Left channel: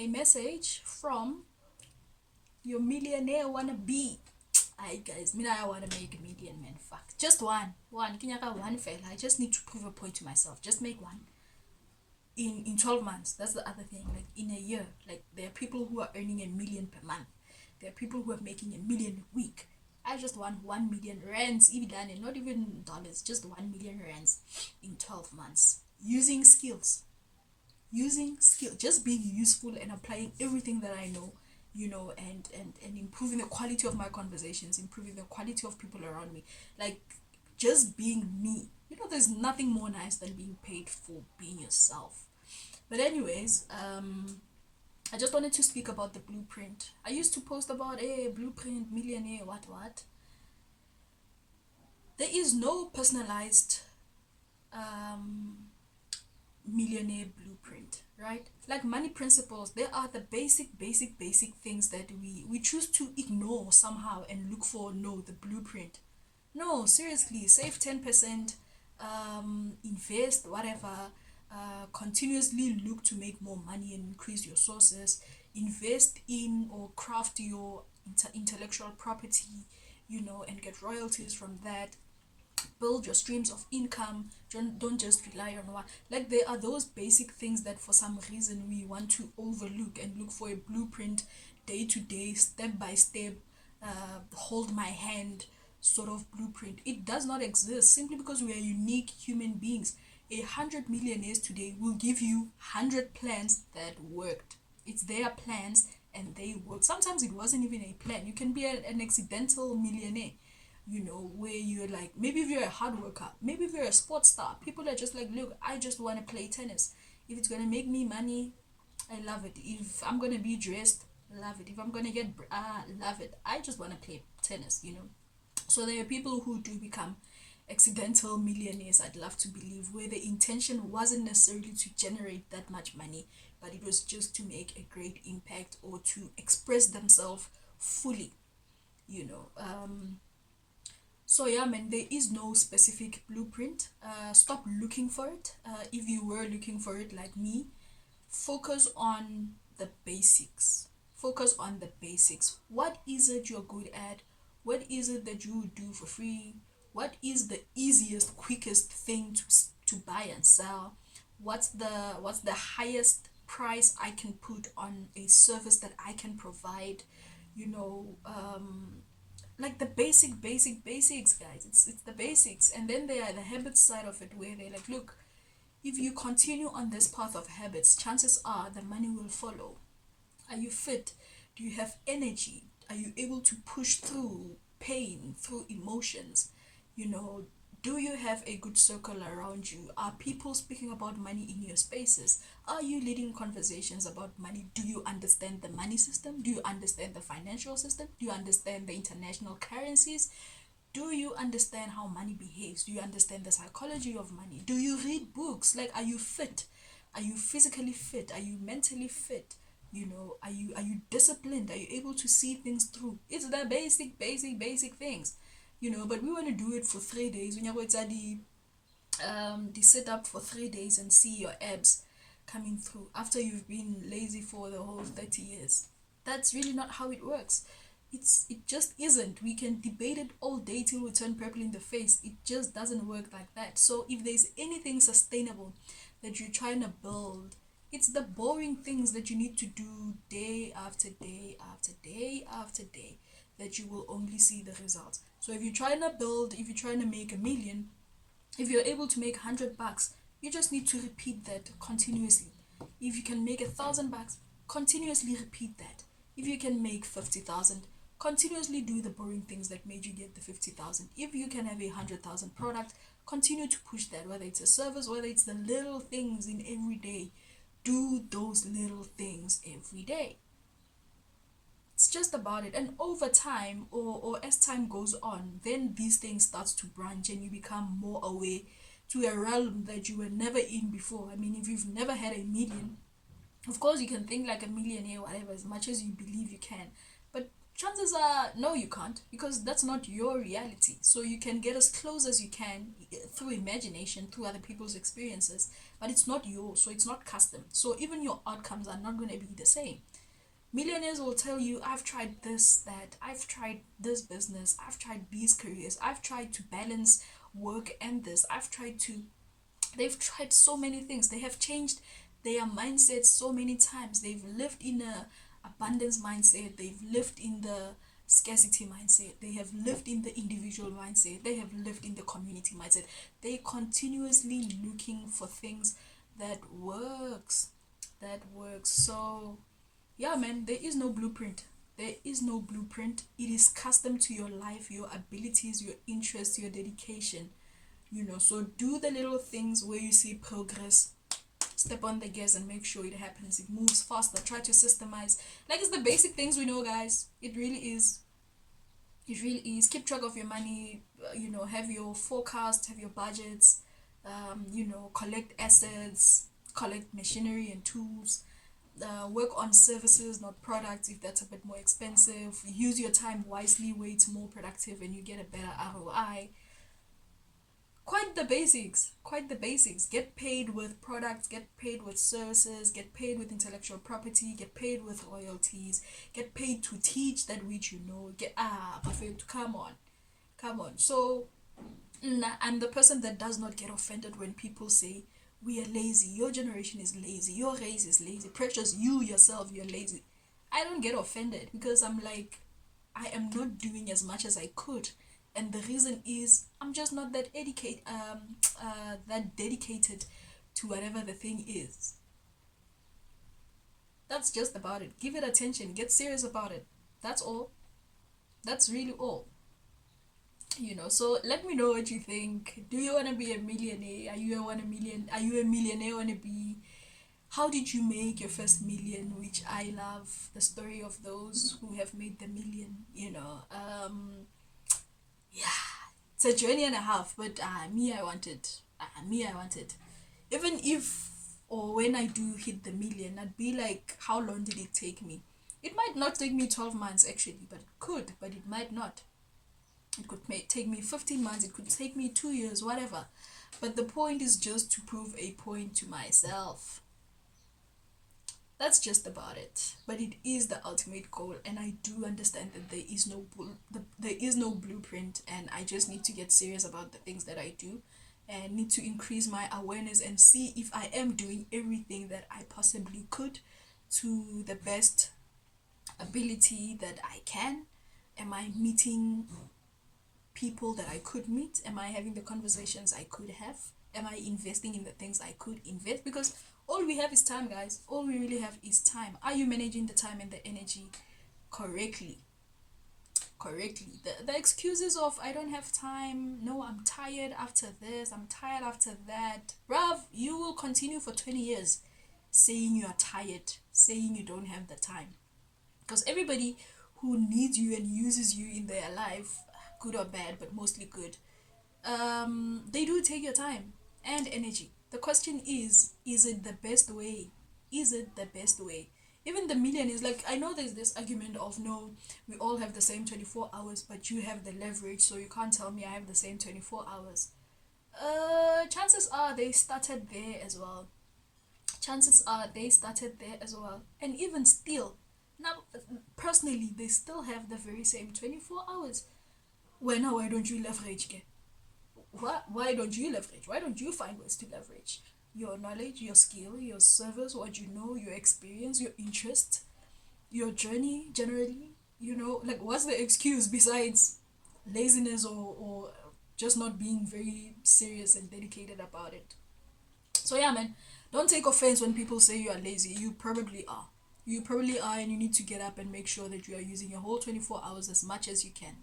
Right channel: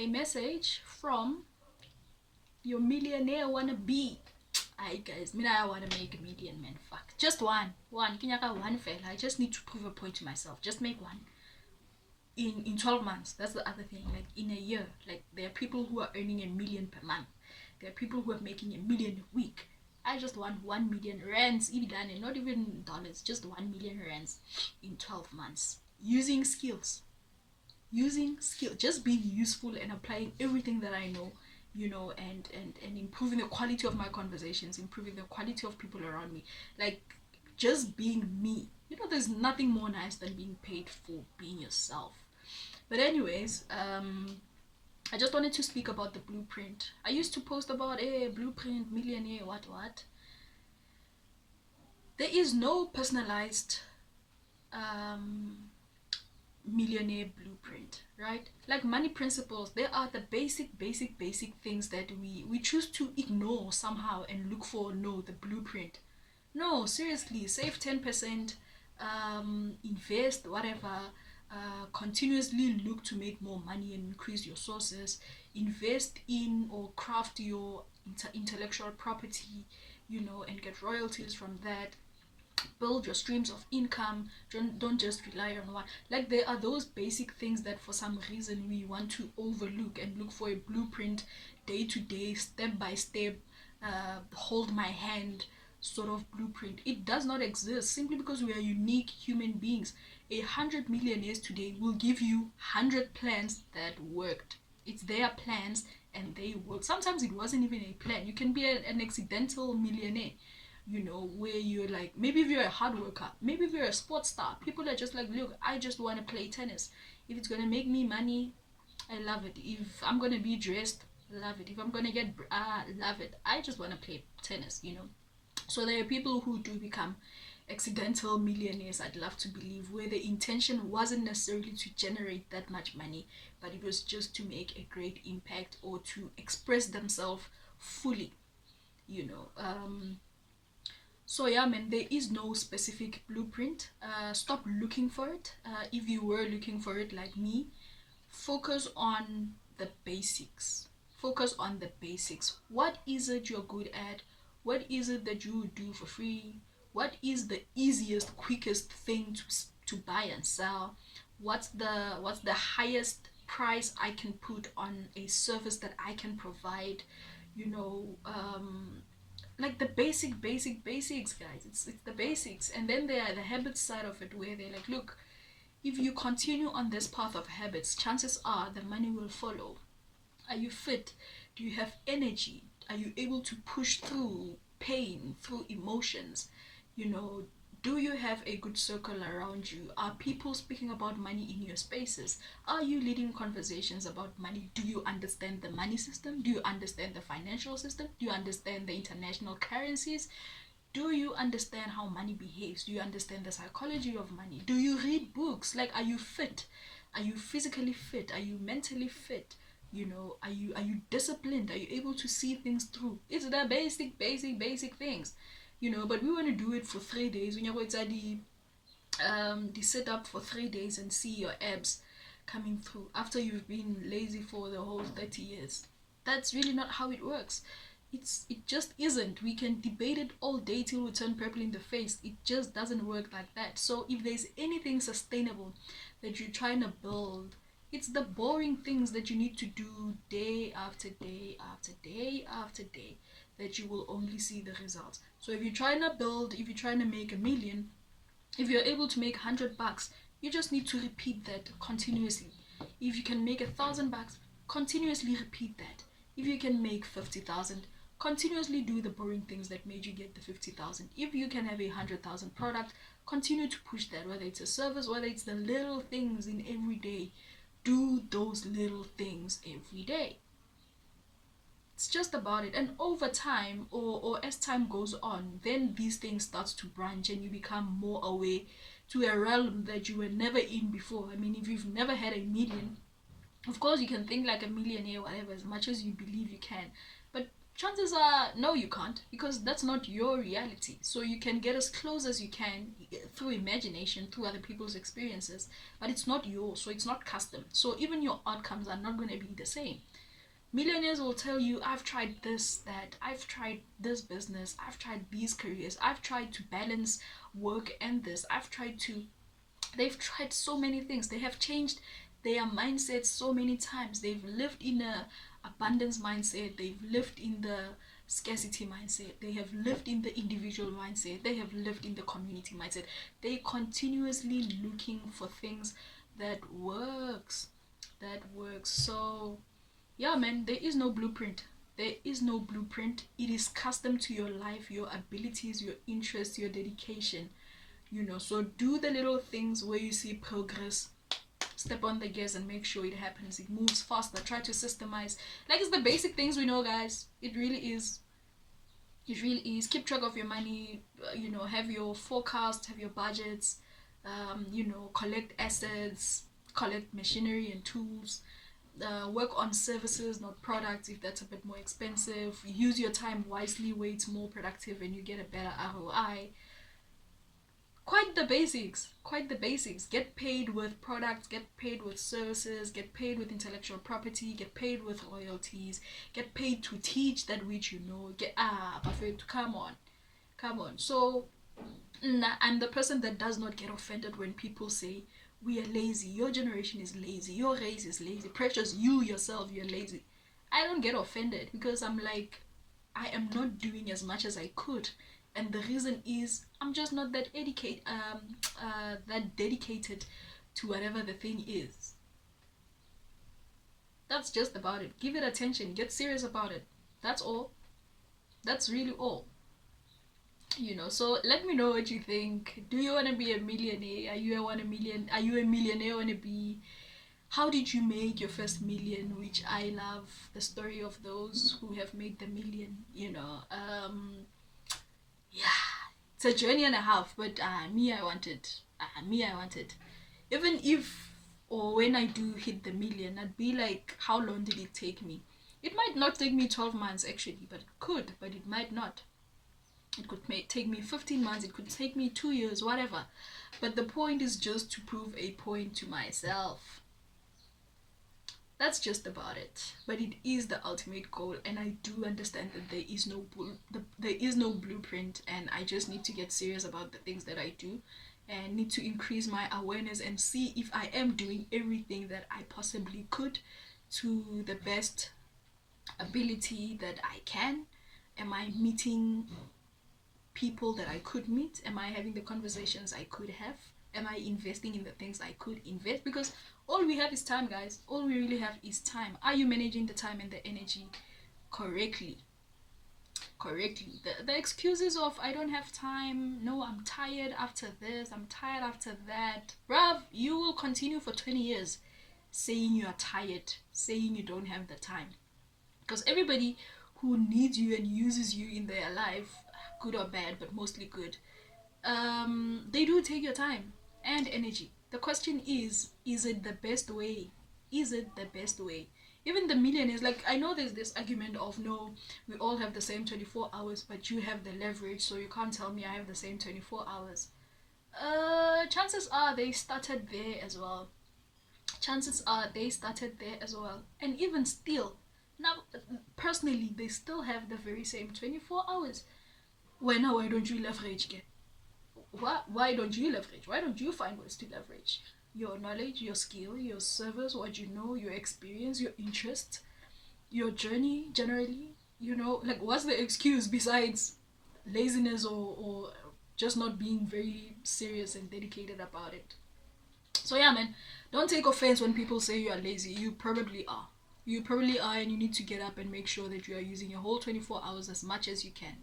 a message from your millionaire wannabe. Hi guys, me I wanna make a million, man. Fuck, just one. Kinyaka one fail. I just need to prove a point to myself. Just make one in 12 months. That's the other thing. Like in a year, like there are people who are earning 1 million per month. There are people who are making 1 million a week. I just want 1 million rands, even not even dollars, just 1 million rands in 12 months using skills, just being useful and applying everything that I know, and improving the quality of my conversations, improving the quality of people around me, like just being me. There's nothing more nice than being paid for being yourself. But anyways, I just wanted to speak about the blueprint. I used to post about a blueprint, millionaire, what. There is no personalized millionaire blueprint, right? Like money principles, there are the basic things that we choose to ignore somehow and look for. No, the blueprint. No, seriously, save 10%, invest whatever, continuously look to make more money and increase your sources, invest in or craft your intellectual property, and get royalties from that. Build your streams of income. Don't just rely on one. Like there are those basic things that for some reason we want to overlook and look for a blueprint, day to day, step by step, hold my hand sort of blueprint. It does not exist simply because we are unique human beings. 100 millionaires today will give you 100 plans that worked. It's their plans and they work. Sometimes it wasn't even a plan. You can be an accidental millionaire, where you're like, maybe if you're a hard worker, maybe if you're a sports star, people are just like, look, I just want to play tennis. If it's going to make me money, I love it. If I'm going to be dressed, love it. If I'm going to get, love it. I just want to play tennis. So there are people who do become accidental millionaires, I'd love to believe, where the intention wasn't necessarily to generate that much money, but it was just to make a great impact or to express themselves fully, you know. So yeah, man, there is no specific blueprint. Stop looking for it. If you were looking for it like me, focus on the basics. Focus on the basics. What is it you're good at? What is it that you do for free? What is the easiest, quickest thing to buy and sell? What's the highest price I can put on a service that I can provide? You know, like the basics, guys. It's the basics, and then there are the habits side of it, where they're like, look, if you continue on this path of habits, chances are the money will follow. Are you fit? Do you have energy? Are you able to push through pain, through emotions? You know, do you have a good circle around you? Are people speaking about money in your spaces? Are you leading conversations about money? Do you understand the money system? Do you understand the financial system? Do you understand the international currencies? Do you understand how money behaves? Do you understand the psychology of money? Do you read books? Like, are you fit? Are you physically fit? Are you mentally fit? Are you disciplined? Are you able to see things through? It's the basic things. But we want to do it for 3 days. When you're the sit up for 3 days and see your abs coming through after you've been lazy for the whole 30 years. That's really not how it works. It just isn't. We can debate it all day till we turn purple in the face. It just doesn't work like that. So if there's anything sustainable that you're trying to build, it's the boring things that you need to do day after day after day after day that you will only see the results. So if you're trying to build, if you're trying to make 1 million, if you're able to make $100, you just need to repeat that continuously. If you can make $1,000, continuously repeat that. If you can make 50,000, continuously do the boring things that made you get the 50,000. If you can have 100,000 product, continue to push that, whether it's a service, whether it's the little things in every day. Do those little things every day. It's just about it. And over time, or as time goes on, then these things starts to branch and you become more aware to a realm that you were never in before. I mean, if you've never had 1 million, of course you can think like a millionaire, whatever, as much as you believe you can, but chances are no, you can't, because that's not your reality. So you can get as close as you can through imagination, through other people's experiences, but it's not yours, so it's not custom. So even your outcomes are not going to be the same. Millionaires will tell you, I've tried this, that, I've tried this business, I've tried these careers, I've tried to balance work and this, they've tried so many things. They have changed their mindset so many times. They've lived in a abundance mindset, they've lived in the scarcity mindset, they have lived in the individual mindset, they have lived in the community mindset. They continuously looking for things that works, so yeah, man, there is no blueprint. There is no blueprint. It is custom to your life, your abilities, your interests, your dedication. So do the little things where you see progress. Step on the gas and make sure it happens. It moves faster. Try to systemize. Like, it's the basic things we know, guys. It really is. It really is. Keep track of your money. Have your forecast, have your budgets. Collect assets, collect machinery and tools. Work on services, not products, if that's a bit more expensive. Use your time wisely where it's more productive and you get a better ROI. Quite the basics. Get paid with products, get paid with services, get paid with intellectual property, get paid with royalties, get paid to teach that which you know. Perfect. Come on. So I'm the person that does not get offended when people say we are lazy, your generation is lazy, your race is lazy. Precious, you yourself, you're lazy. I don't get offended, because I'm like, I am not doing as much as I could, and the reason is I'm just not that dedicated to whatever the thing is. That's just about it. Give it attention, get serious about it. That's all. That's really all. So let me know what you think. Do you want to be a millionaire? Are you a millionaire? Want to be? How did you make your first million? Which I love the story of those who have made the million. Yeah, it's a journey and a half, but me I wanted. Even if, or when I do hit the million, I'd be like, how long did it take me? It might not take me 12 months actually, but it could, but it might not. It could take me 15 months, it could take me 2 years, whatever. But the point is just to prove a point to myself. That's just about it. But it is the ultimate goal, and I do understand that there is no blueprint, and I just need to get serious about the things that I do, and need to increase my awareness and see if I am doing everything that I possibly could to the best ability that I can. Am I meeting people that I could meet? Am I having the conversations I could have? Am I investing in the things I could invest? Because all we have is time, guys. All we really have is time. Are you managing the time and the energy correctly? The excuses of I don't have time, no, I'm tired after this, I'm tired after that, bruv, you will continue for 20 years saying you are tired, saying you don't have the time. Because everybody who needs you and uses you in their life, good or bad, but mostly good, they do take your time and energy. The question is it the best way? Is it the best way? Even the millionaires, like, I know there's this argument of, no, we all have the same 24 hours, but you have the leverage, so you can't tell me I have the same 24 hours. Chances are they started there as well. And even still, now, personally, they still have the very same 24 hours. Why don't you leverage again? Why don't you leverage? Why don't you find ways to leverage your knowledge, your skill, your service, what you know, your experience, your interest, your journey generally? Like, what's the excuse besides laziness or just not being very serious and dedicated about it? So yeah, man, don't take offense when people say you are lazy. You probably are, and you need to get up and make sure that you are using your whole 24 hours as much as you can.